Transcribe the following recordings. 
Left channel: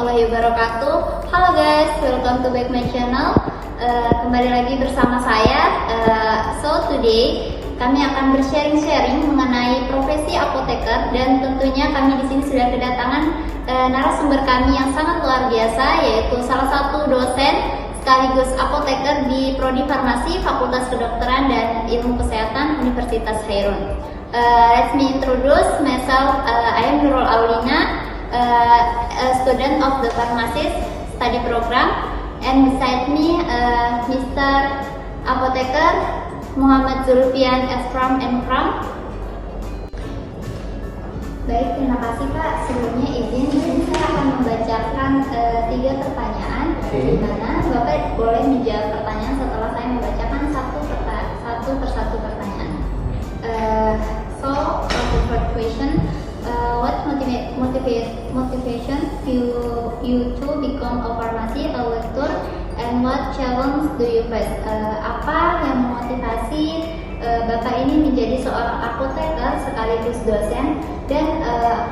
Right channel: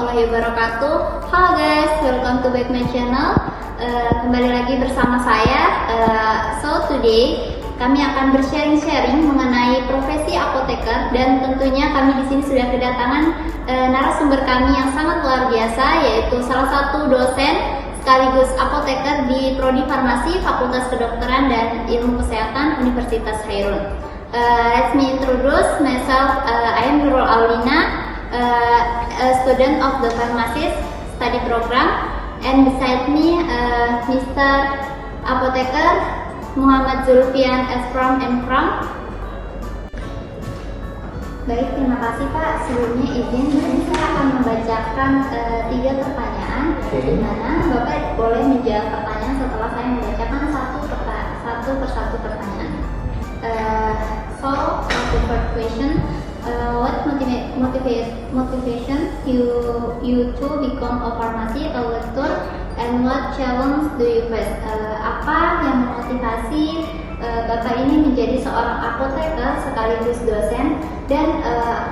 warahmatullahi wabarakatuh. Halo guys, welcome to back my channel. Kembali lagi bersama saya. So today kami akan bersharing mengenai profesi apoteker, dan tentunya kami di sini sudah kedatangan narasumber kami yang sangat luar biasa, yaitu salah satu dosen sekaligus apoteker di Prodi Farmasi Fakultas Kedokteran dan Ilmu Kesehatan Universitas Hairun. Let me introduce myself. I am Nurul Aulina, a student of the pharmacist study program, and beside me Mr. Apoteker Muhammad Zulfian S. From and From. Baik, terima kasih Pak. Sebelumnya izin, di sini saya akan membacakan 3 pertanyaan, di mana Bapak boleh menjawab pertanyaan setelah saya membacakan satu persatu pertanyaan. So, for the first question, what motivation you to become a pharmacy doctor, and what challenge do you face? Apa yang memotivasi Bapak ini menjadi seorang apoteker sekaligus dosen, dan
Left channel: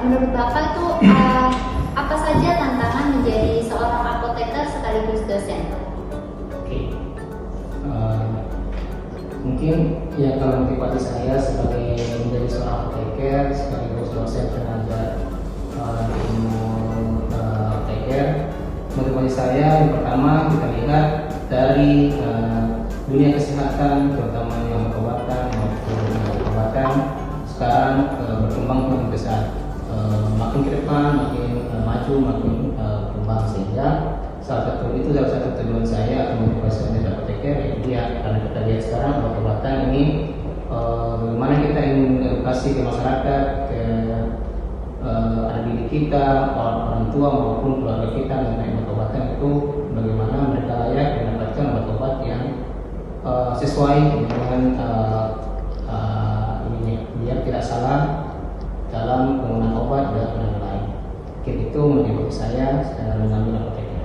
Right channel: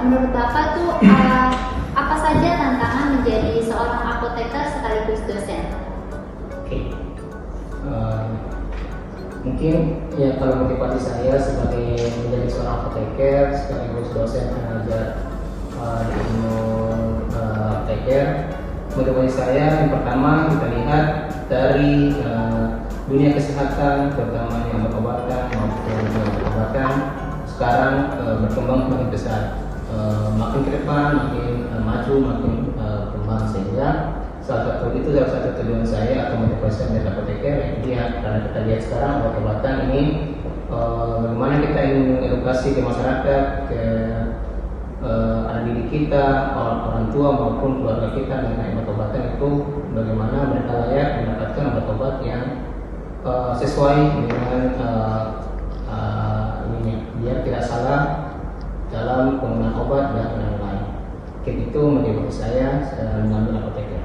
menurut Bapak itu apa saja tantangan menjadi seorang apoteker sekaligus dosen? Oke. Mungkin ya, kalau motivasi saya sebagai menjadi seorang apoteker sekaligus dosen pengajar di ilmu apoteker, motivasi saya yang pertama kita lihat dari dunia kesehatan, terutama yang obat-obatan maupun obat-obatan sekarang berkembang semakin besar, makin ke depan makin maju, makin berkembang, sehingga salah satu tujuan saya atau motivasi menjadi apoteker ya, karena kita lihat sekarang obat-obatan ini bagaimana kita ingin edukasi ke masyarakat, ke anak didik kita, orang tua maupun keluarga kita mengenai obat-obatan itu, bagaimana mereka layak mendapatkan obat-obat yang sesuai dengan biar tidak salah dalam penggunaan obat dan lain-lain. Itu motivasi saya mengambil apoteker.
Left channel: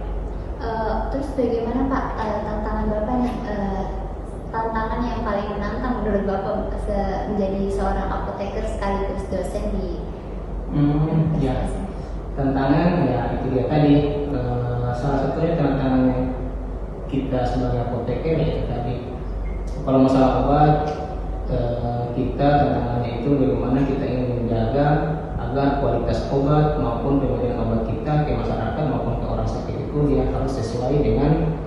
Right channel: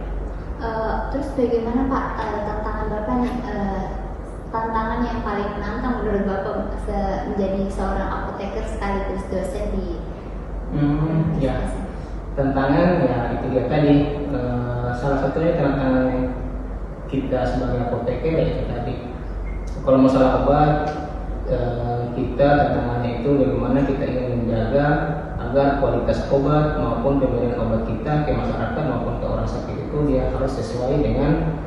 Terus bagaimana Pak tantangan Bapak nih, tantangan yang paling menantang menurut Bapak menjadi seorang apoteker sekaligus dosen di ya, tantangan ya itu dia tadi, salah satunya tantangan kita sebagai apoteker ya itu tadi, kalau masalah obat kita tantangannya itu bagaimana kita ingin menjaga agar kualitas obat maupun pemberian obat kita ke masyarakat maupun ke orang sakit itu dia harus sesuai dengan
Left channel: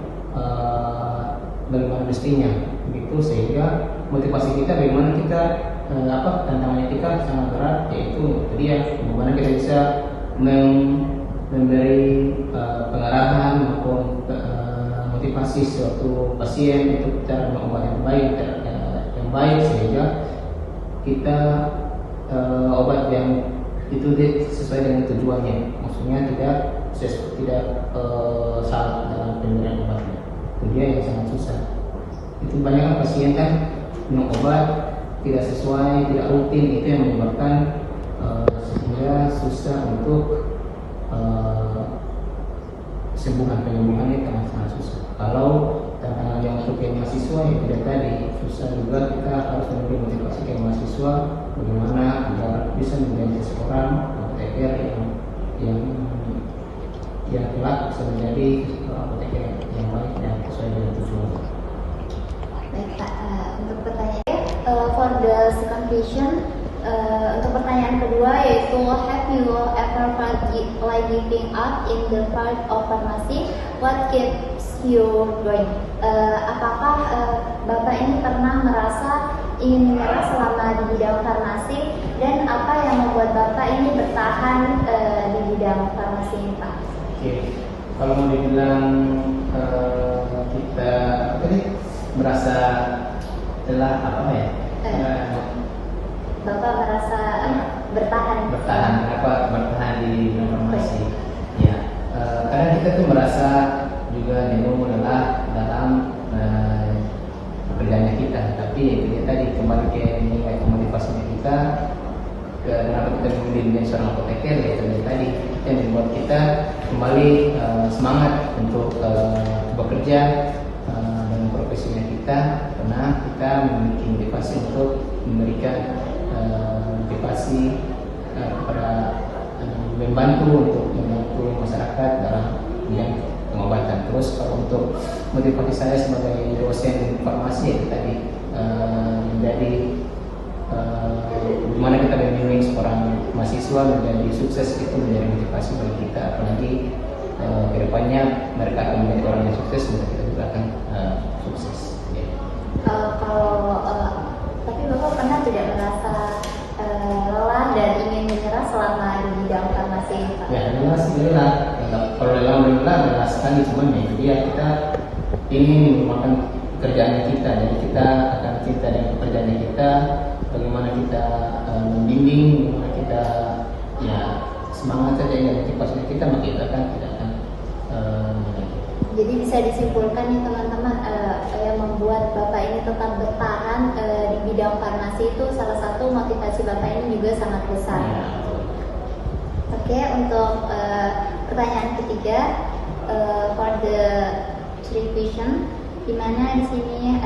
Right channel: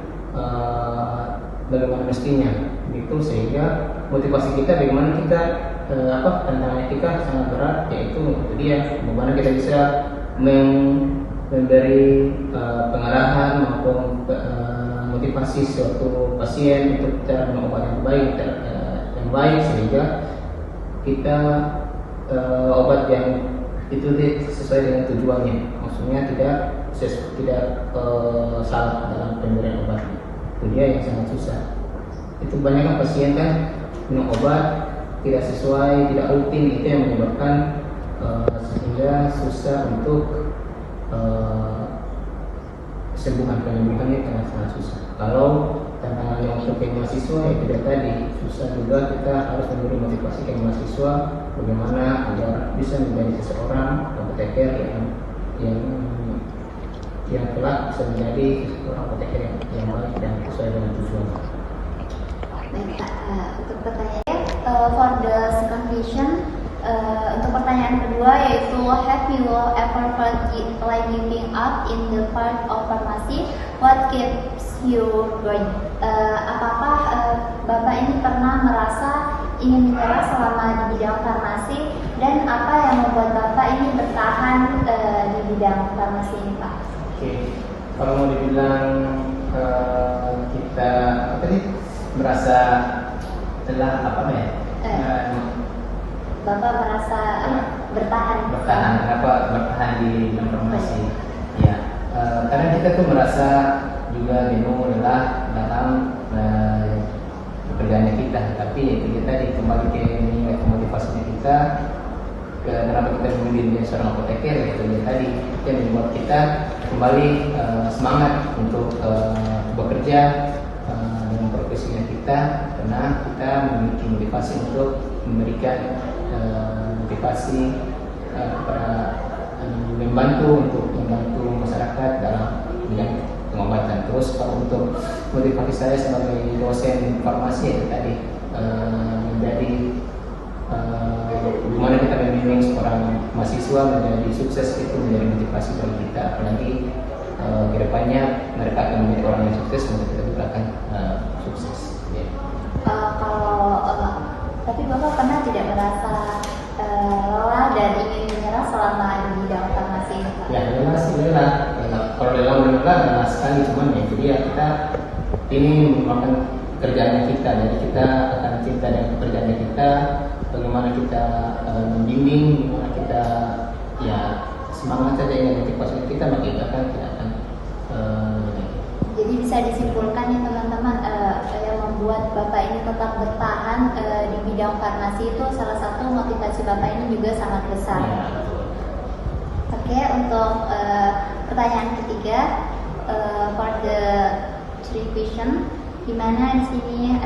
bagaimana mestinya, gitu. Sehingga motivasi kita bagaimana kita tantangannya kita sangat berat, yaitu dia bagaimana kita bisa memberi pengarahan maupun motivasi suatu pasien untuk cara minum obat yang baik sehingga kita obat yang itu sesuai dengan tujuannya, maksudnya tidak salah dalam pemberian obatnya. Itu dia yang sangat susah. Itu banyak kan pasien kan minum obat tidak sesuai, tidak rutin, itu yang menyebabkan sehingga susah untuk penyembuhannya sangat susah. Kalau tantangannya untuk mahasiswa itu dia tadi susah juga, kita harus memberi motivasi ke mahasiswa bagaimana agar bisa menjadi seorang apoteker yang kelak bisa menjadi seorang apoteker yang baik dan sesuai dengan tujuan. Baik Pak, untuk pertanyaan for the second question, untuk pertanyaan kedua yaitu, have you ever felt like giving up in the part of pharmacy? What keeps you going? Apakah Bapak ini pernah merasa ingin menyerah selama di bidang farmasi, dan apa yang membuat Bapak ini bertahan di bidang farmasi ini Pak? Oke, kalau mau dibilang kita tadi merasa telah Bapak merasa bertahan kenapa bertahan di bidang farmasi? Ya, kadang kita tuh merasa juga jenuh, lelah dalam pekerjaannya kita, tapi itu tadi kembali ke nilai motivasinya kita, kenapa kita memilih menjadi seorang apoteker, yaitu tadi yang membuat kita kembali semangat untuk bekerja dengan profesinya kita, karena kita memiliki motivasi untuk memberikan motivasi kepada membantu masyarakat masyarakat dalam bidang pengobatan. Terus kalau untuk motivasi saya sebagai dosen farmasi itu tadi menjadi gimana kita membimbing seorang mahasiswa menjadi sukses itu menjadi motivasi bagi kita, apalagi kedepannya mereka akan menjadi orang yang sukses, maka kita juga akan sukses. Tapi Bapak pernah tidak merasa lelah dan ingin menyerah selama di bidang farmasi? Ya, lelah sih lelah. Kalau lelah sekali, cuman ya jadi ya kita ini merupakan kerjaannya kita, jadi kita akan cinta dengan pekerjaannya kita, bagaimana kita membimbing, bagaimana kita ya semangat saja ya motivasi kita, maka kita kan tidak akan jadi bisa disimpulkan nih teman-teman, yang membuat Bapak ini tetap bertahan di bidang farmasi itu salah satu motivasi Bapak ini juga sangat besar. ya. Oke, untuk pertanyaan ketiga, for the three question, di mana di sini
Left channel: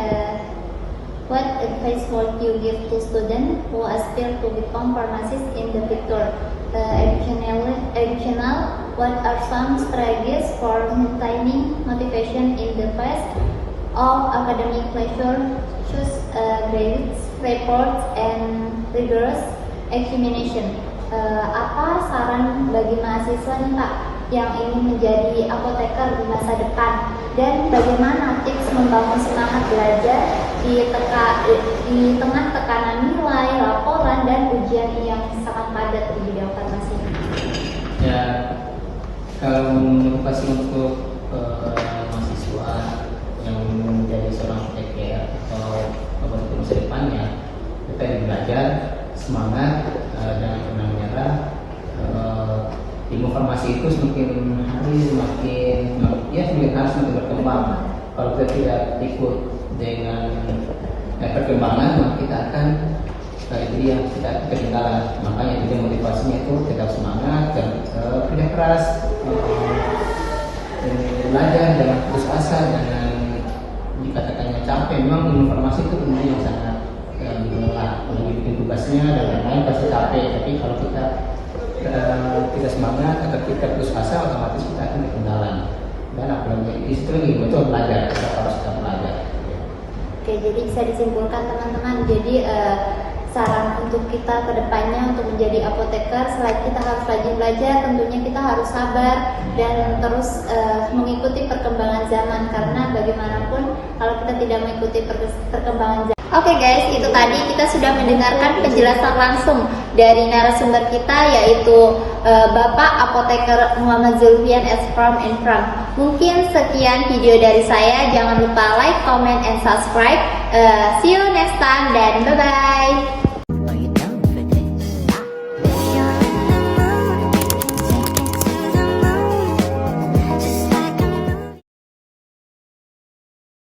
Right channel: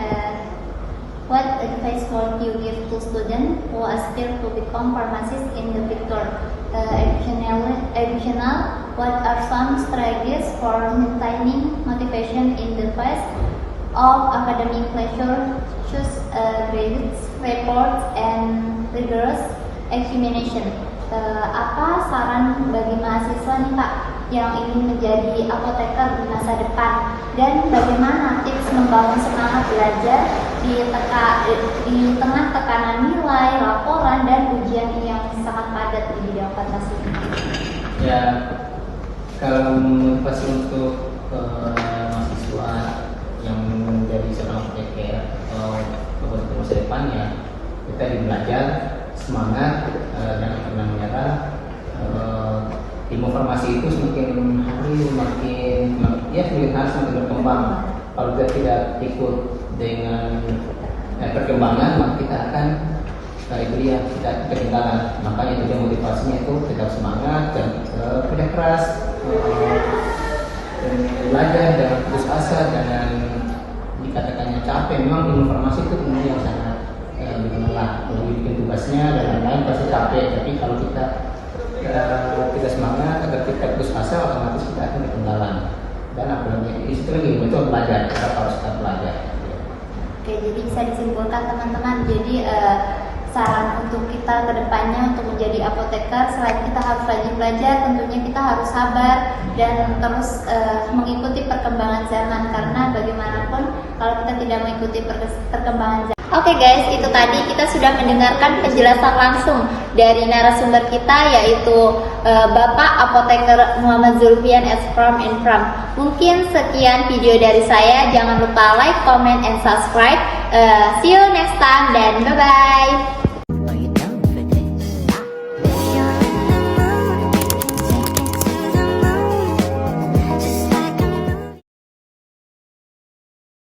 what advice would you give to students who aspire to become pharmacists in the future? Additional, what are some strategies for maintaining motivation in the face of academic pressure, grades, reports, and rigorous examination? Apa saran bagi mahasiswa nih Pak yang ingin menjadi apoteker di masa depan, dan bagaimana tips membangun semangat belajar di tengah tekanan nilai, laporan, dan ujian yang sangat padat di bidang farmasi? Ya, kalau motivasi untuk mahasiswa yang ingin menjadi seorang apoteker atau apoteker masa depannya, kita belajar semangat, jangan pernah menyerah. Ilmu farmasi itu semakin hari semakin berkembang. Kalau kita tidak ikut dengan perkembangan, maka kita akan kita ketinggalan. Makanya itu motivasinya itu tetap semangat dan kerja keras, belajar dan putus asa, jangan dikatakannya capek. Memang ilmu farmasi itu ilmu yang sangat bikin lelah, kalau bikin tugasnya dan lain-lain pasti capek. Tapi kalau kita semangat agar kita putus asa, otomatis kita akan ketinggalan. Dan apalagi itu lagi betul belajar, kita harus tetap belajar. Oke, jadi bisa disimpulkan teman-teman, jadi saran untuk kita ke depannya untuk menjadi apoteker, selain kita harus rajin belajar, tentunya kita harus sabar dan terus mengikuti perkembangan zaman, karena bagaimanapun kalau kita tidak mengikuti perkembangan zaman. Oke guys, itu tadi kita sudah mendengarkan penjelasan langsung dari narasumber kita, yaitu Bapak Apoteker Muhammad Zulfian S. From and From. Mungkin sekian video dari saya, jangan lupa like, comment, and subscribe. See you next time dan bye-bye.